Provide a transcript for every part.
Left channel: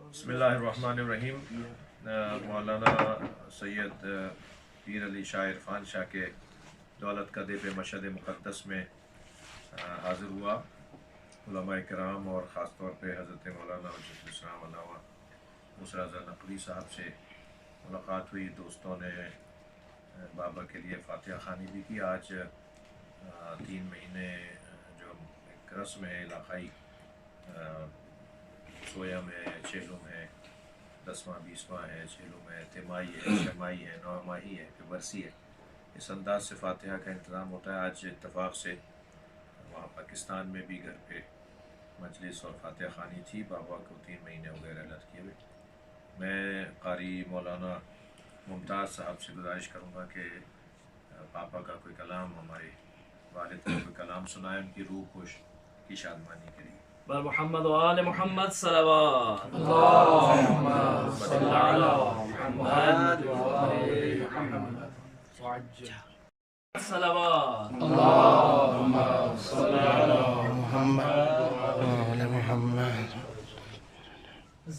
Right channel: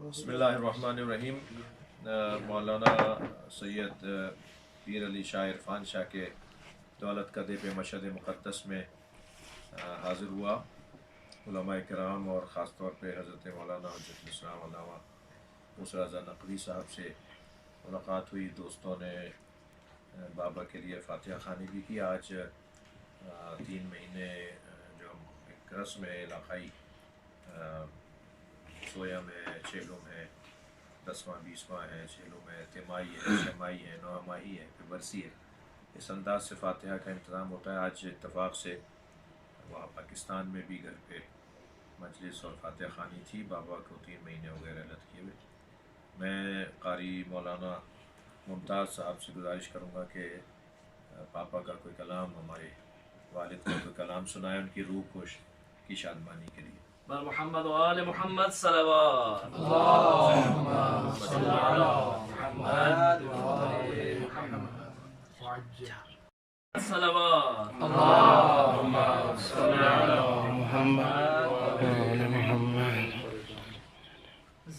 बिस्मिल्लाहिर्रहमानिर्रहीम। मौलाना सैयद पीर अली शाह इरफान शाह के दौलत कदे पे मशहद मुक़द्दस में हाज़िर हुआ। उलमाए किराम और ख़ास तौर पे हज़रत मौलाना हुज्जतुल इस्लाम अल्लामा मूसा रज़ा नक़वी साहब से मुलाक़ात हुई। दोस्तों ने बाबा के लिए फ़ातिहा ख़वानी भी की। आज 3 महीने जो एक रस्म है इलाक़ाई, सोया में, चेलों में 10वां 20वां है, चेलों में तिमाही है, छमाही है, 9 माही है, फिर बरसी है। इस अंदाज से फ़ातिहा का इंतज़ाम होता है। आज इत्तफ़ाक़ से वहाँ पाकिस्तान में भी घर पे मजलिस और फ़ातिहा ख़वानी थी। बाबा को 3 महीने हो गए रहलत किए हुए। मैं क़ारी मौलाना मुमताज़ साहब से गुजारिश करूँगा कि पापा का कोई कलाम, हमारे वालिद का कोई कलाम सुनाए, उनकी रूह खुश की शादमानी के लिए। मोहम्मद वाले मोहम्मद सलवात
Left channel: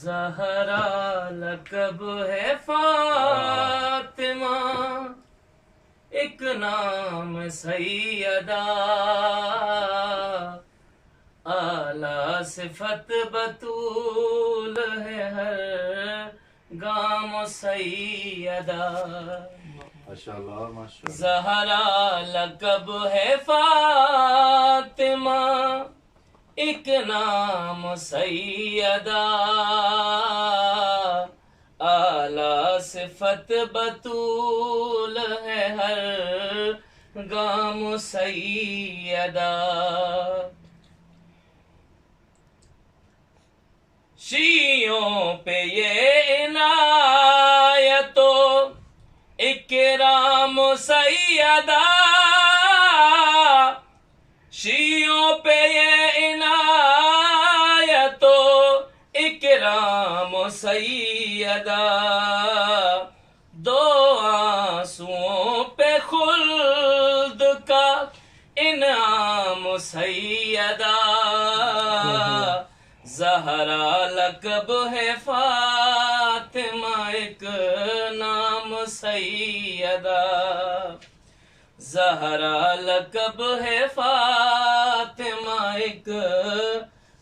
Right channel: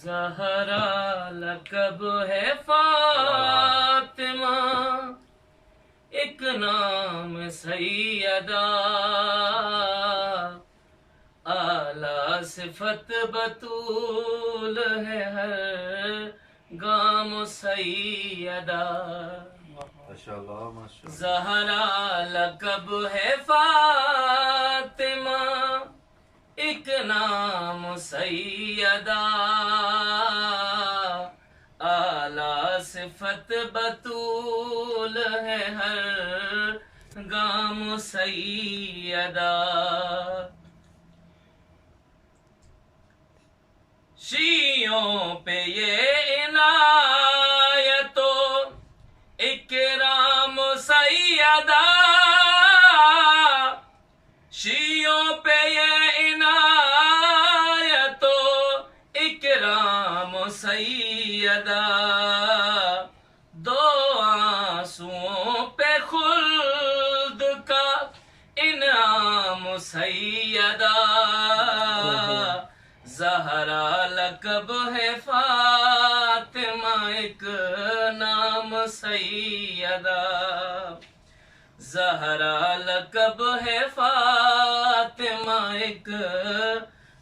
ज़हरा लक़ब है फ़ातिमा, एक नाम सैयदा, आला सिफत बतूल है हर गाम सैयदा। ज़हरा लक़ब है फ़ातिमा, एक नाम सैयदा, आला सिफत बतूल है हर गाम सैयदा। शियों पे ये इनायतो इकराम सैयदा, शियों पे ये इनायतो इकराम सैयदा, दो आंसुओं पे खुल्द का इनाम सैयदा। ज़हरा लक़ब है फ़ातिमा, एक नाम सैयदा। ज़हरा लक़ब है फ़ातिमा, एक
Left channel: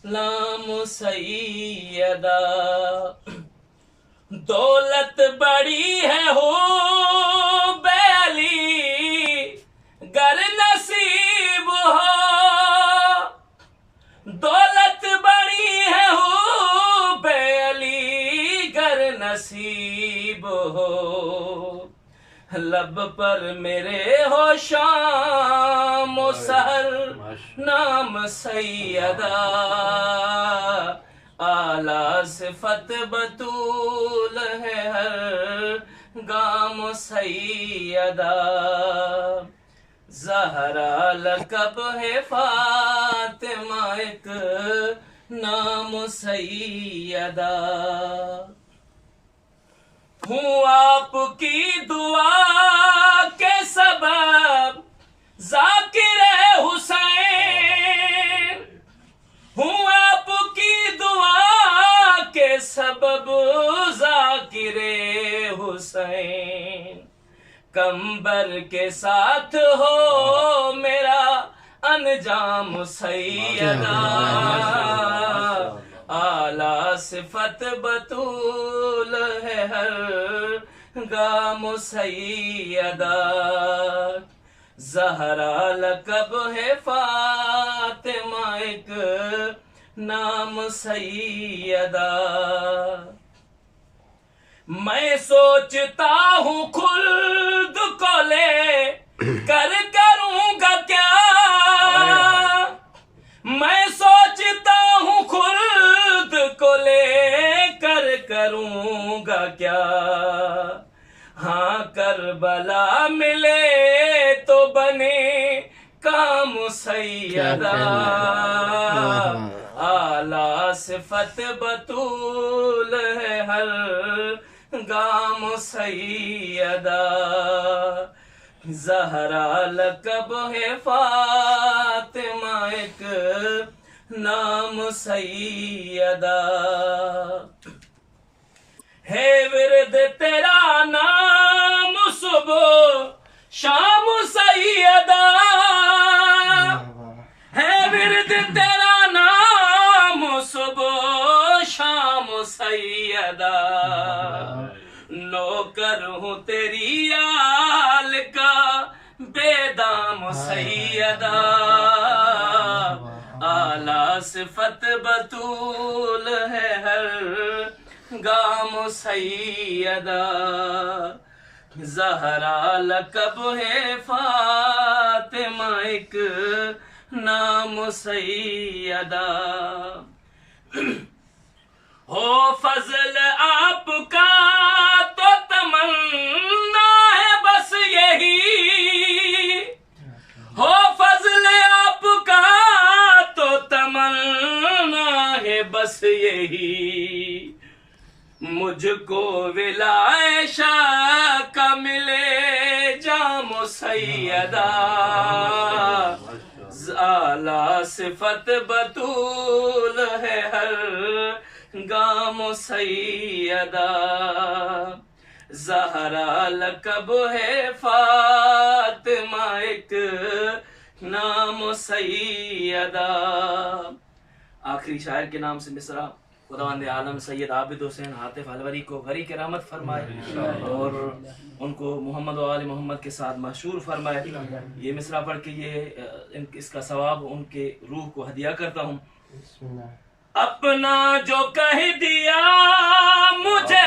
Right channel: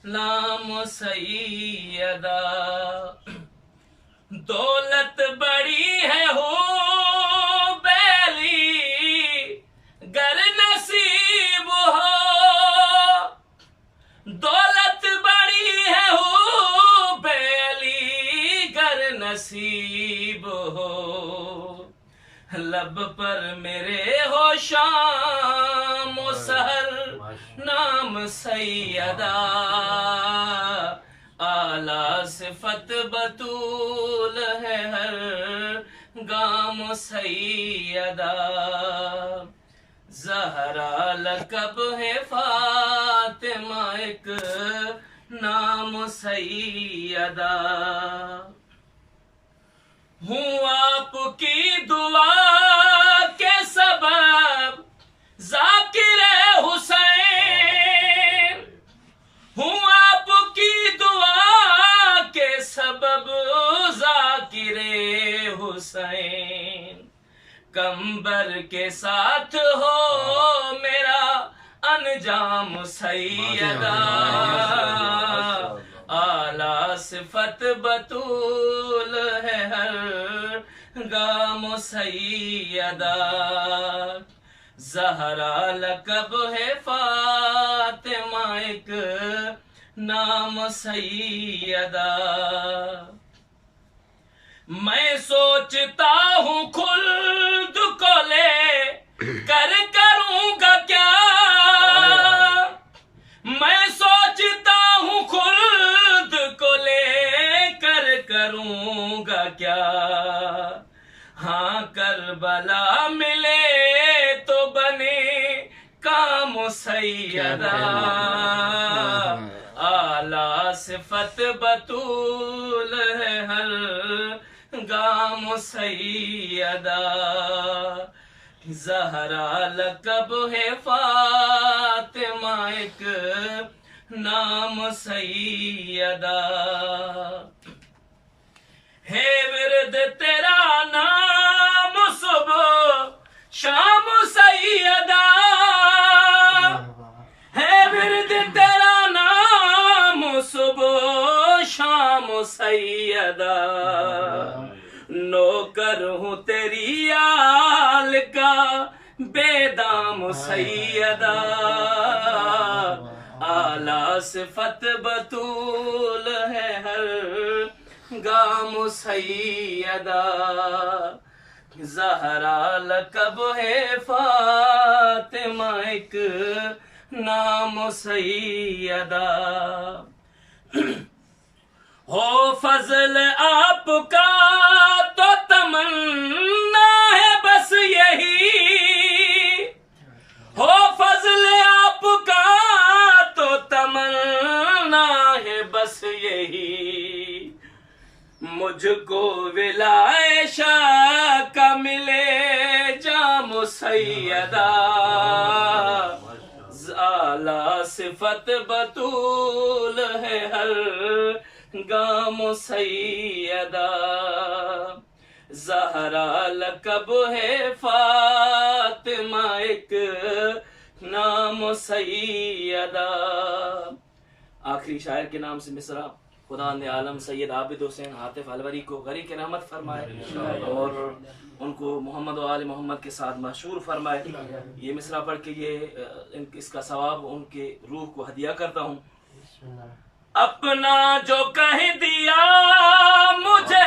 नाम सैयदा। दौलत बड़ी है हो बैली गर नसीब हो, दौलत बड़ी है हो बैली गर नसीब हो, लब पर मेरे हो शाम ओ सहर नाम सैयदा, आला सिफत बतूल है हर गाम सैयदा। ज़हरा लक़ब है फ़ातिमा, एक नाम सैयदा। हूँ आपकी दुआ के सबब ज़ाकिर हुसैन, हूँ आपकी दुआ के सबब ज़ाकिर हुसैन, कंबर के साथ हो मेरा अनजाम सैयदा, आला सिफत बतूल है हर गाम सैयदा। ज़हरा लक़ब है फ़ातिमा, एक नाम सैयदा। मैं सोचता हूँ खुल्द को ले कर करूँगा क्या, मैं सोचता हूँ खुल्द को ले कर करूँगा क्या, हाँ करबला मिले तो बने काम सैयदा, आला सिफत बतूल है हर गाम सैयदा। ज़हरा लक़ब है फ़ातिमा, एक नाम सैयदा। है विरद तेरा नाम सुबह शाम सैयदा, है विरद तेरा नाम सुबह शाम सैयदा, नौकर हूँ तेरी आल का बेदाम सैयदा, आला सिफत बतूल है हर गाम सैयदा, ज़हरा लक़ब है फातिमा एक नाम सैयदा, हो फजल आपका तो तमन्ना है बस यही, हो फजल आपका तो तमन्ना है बस यही, मुझको विलाए शाह का मिले जाम सैयदा, आला सिफत बतूल है हर गाम सैयदा, ज़हरा लक़ब है फातिमा एक नाम सैयदा। आखिरी शायर के नाम से मिसरा। खुदा ने आलम सैयद आबिद हुसैन हातिफ अलवरी को गरी के रहमत फरमाए और उनको मोहम्मद व आले मोहम्मद के साथ मशहूर फरमाए। ये मिसरा पढ़ के ये इसका सवाब उनके रूह को हदिया करता हूँ। अपना जो कह दिया मुझे